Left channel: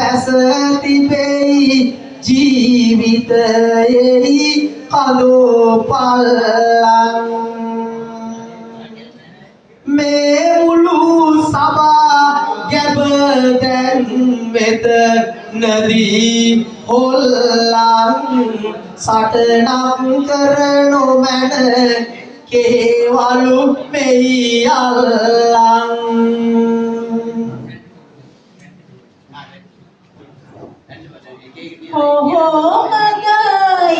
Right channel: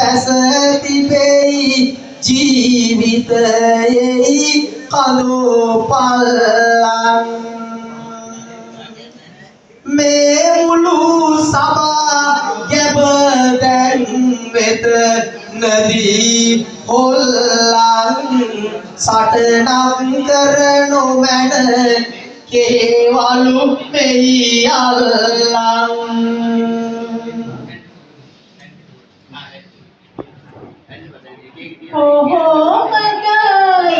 පැස තිබෙයි ජීවිතයෙහි කඳු පල්ලම් මේ මුළු සබා ගැබ දැන් වෙත නදී හොල්ලන් සටනක් කරනු මැන කේවලු මෙහි අල්ලන්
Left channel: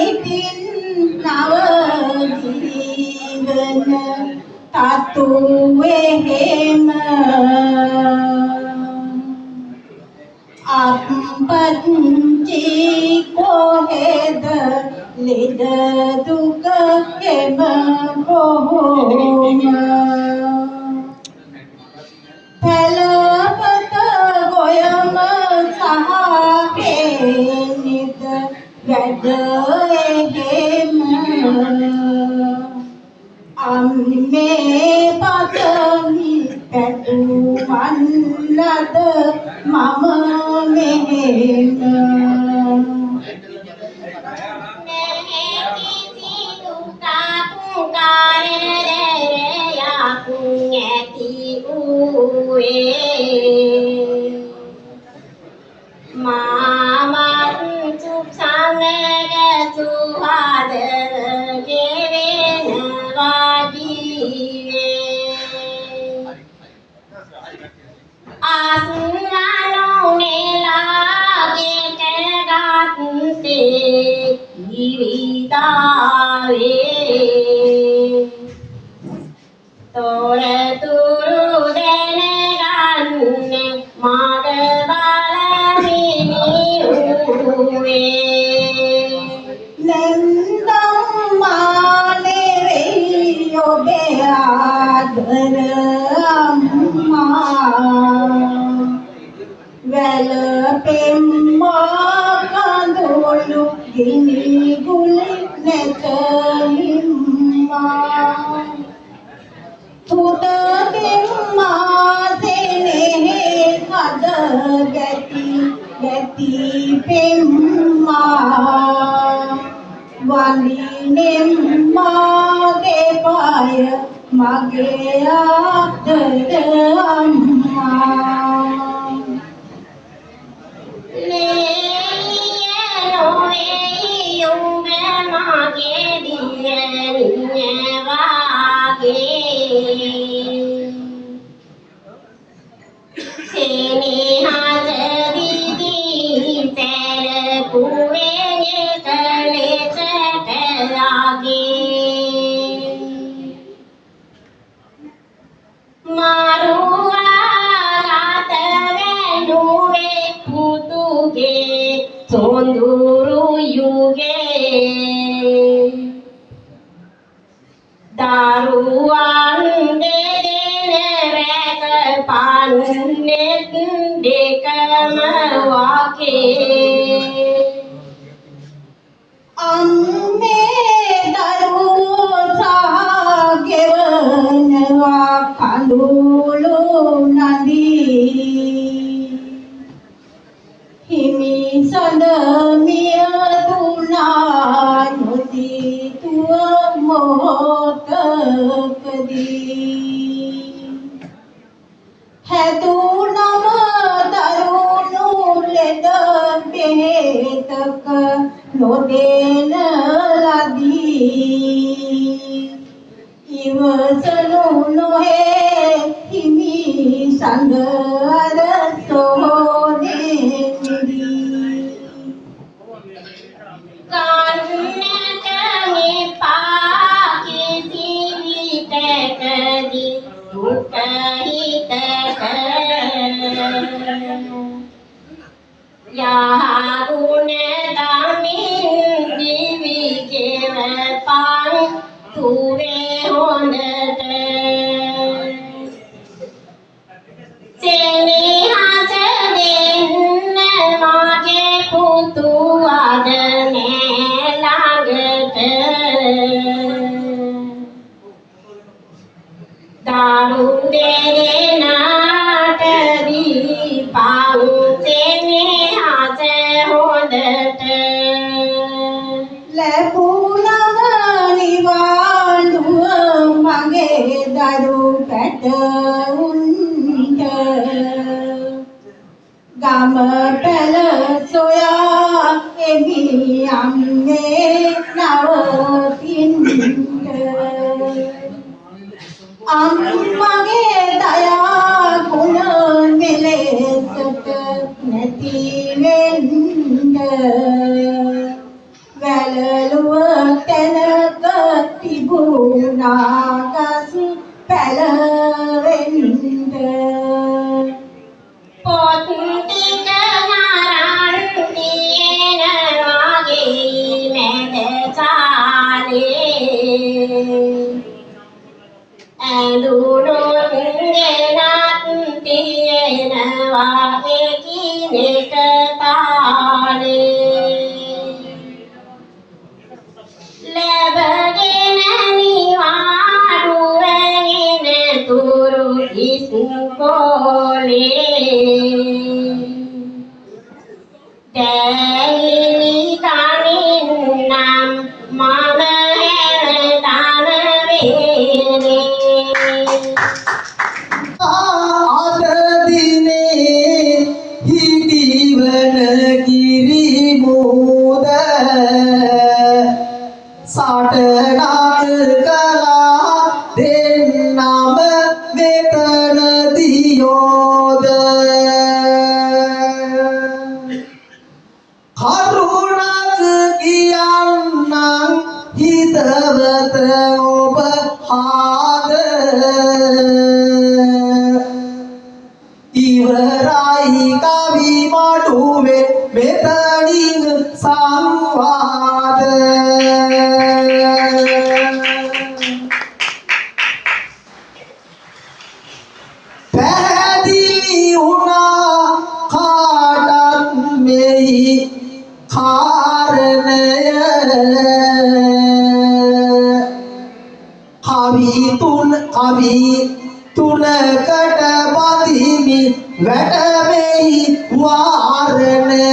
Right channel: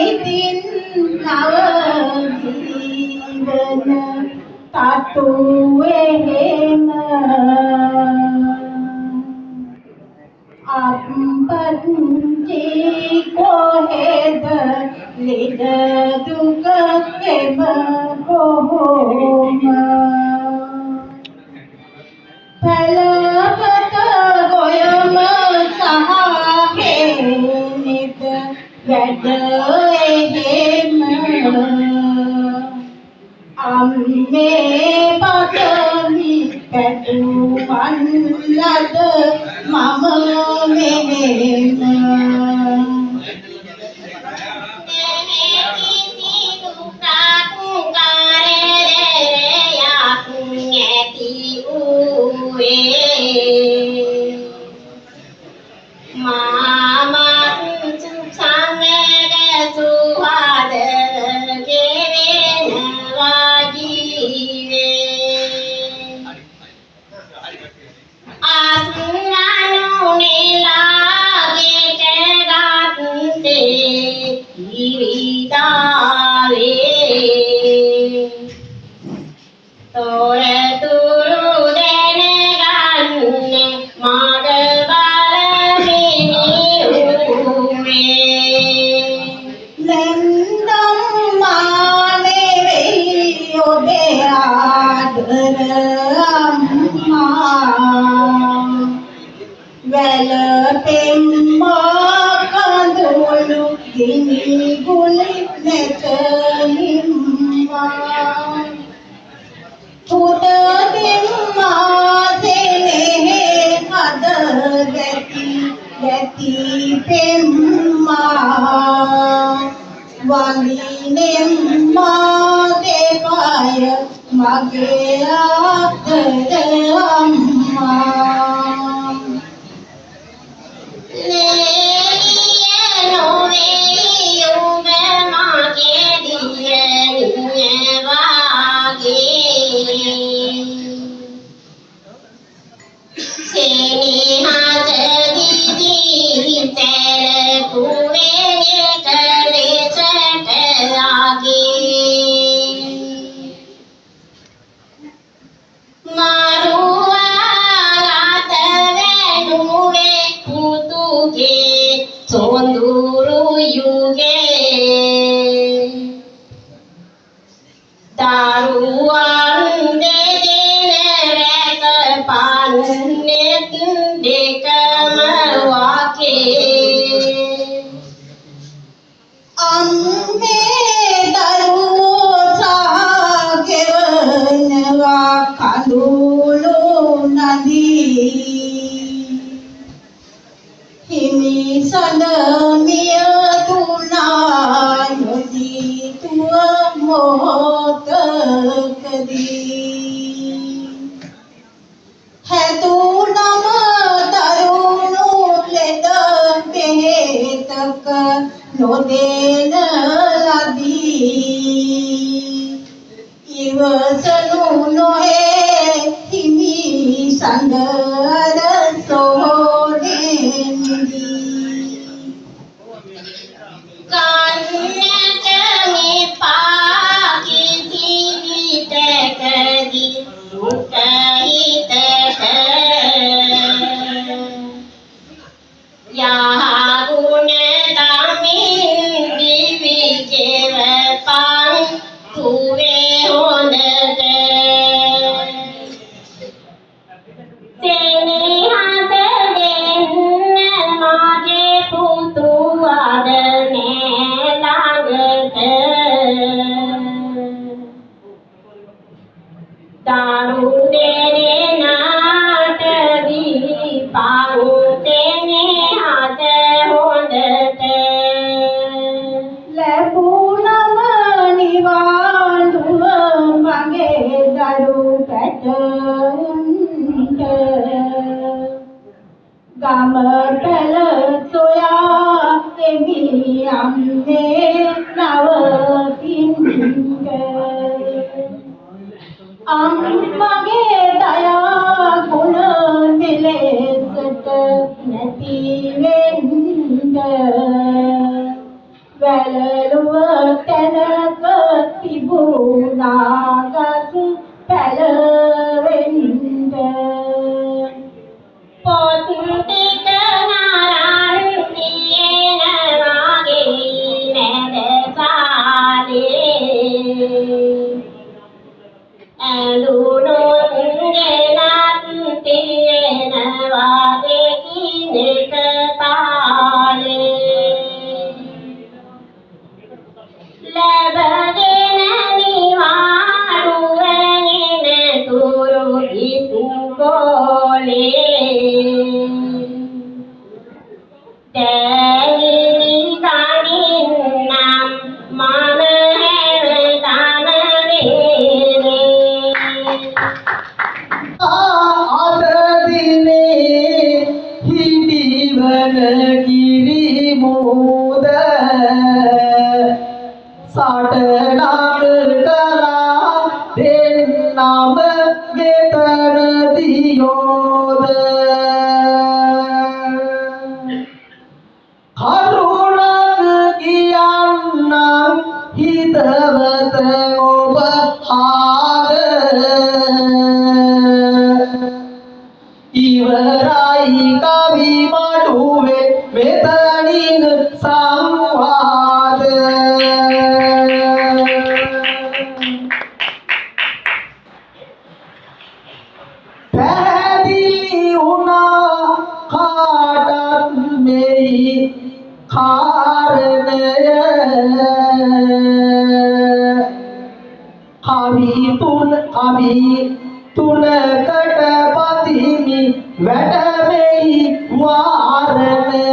ඉතින් නව ජීවන තතු එහෙම අප්පච්චි කොහෙද ලෙඩ දුක කෙම කොහොම පළපත ගොයම සහකෙනිත වැඩ එහෙම අම්මේ පතමි පැටුවන් ලද මම මෙහෙම Daru dere naat di pau tene යම පැල සොයා එමි යන්නේ නවතින්ද අම්මගේ දයා ගුණ මෙලෙසට නැති වෙන්න වැළලුව තැනක තිබුණා ගස් පැලවෙන්න පොත් ටික නරන් තියෙනවා ගේ මැද සාලේ ඇඳුනුත් ගෙනත් තියෙනවා එකිනෙක තාලේ ලැබගෙන නිවාඩුවෙන් තුරු ඉස්කෝලේ දැයිනි කනින් නම් මම හැමදාම වේනේ අද දිනේ හිටිවන කිරි මෝද සටනක් කලා දෙන්නම වෙතන දියෝද කරුණක් කියන්නම් හිතවත ඔබ හාද ඉවරයි කවි මඩුවේ මෙතනින් සංවාද පැහැදිලි වුණා කාටත් මෙහි කාරණය කවි තුනකට බදිමි වැටමෙහි වාරණය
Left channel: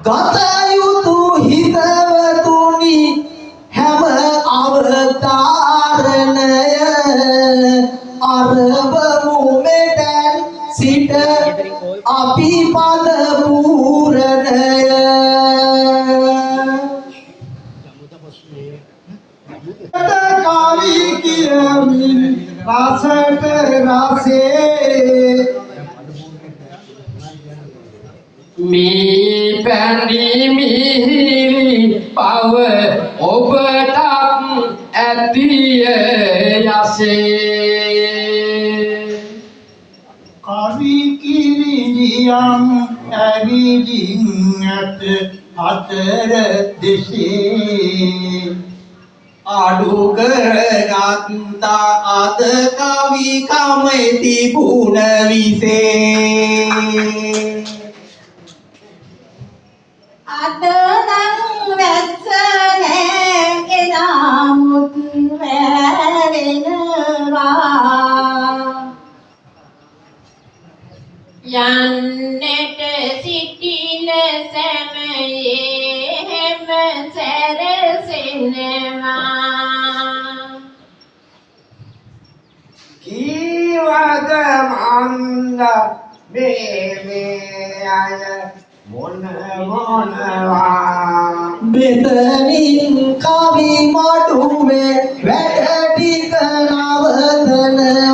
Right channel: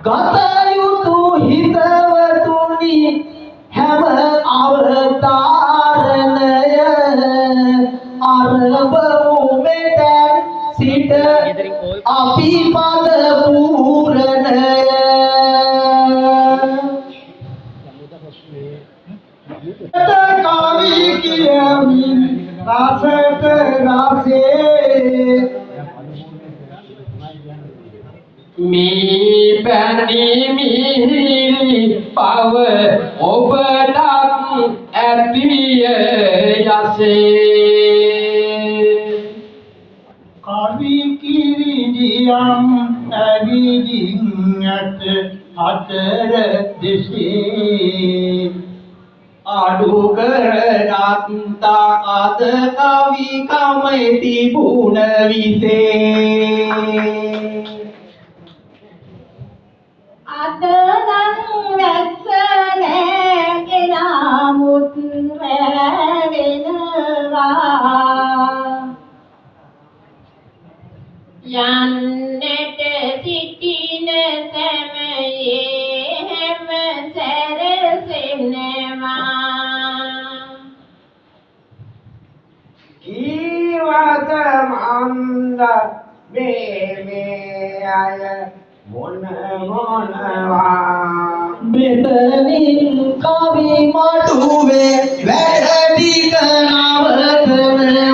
ගත යුතු හිතවතුනි හැම අවතාරණය අරබමු මෙතැන් සිට අපි පද පූරණය කවි කියමින් රසට රසේ මේ පැණි මිහිරි පව ඔබටත් ඇතිය යසේ කවි කිරිදියම් ඇවිදින් ඇත හතර දෙසේ අඩු කරගත්තා අද කවි කමයි තිබුණ විසේ අද නම් වැස්ස නෑ එනමුත් වැවෙනවා යන්නට සිටින සමයේ හැම සැරසෙනවා කීවද මන්ද මේ අය මොනවා මෙතනින් කවි මඩුවේ වැඩ ටික නවතනවා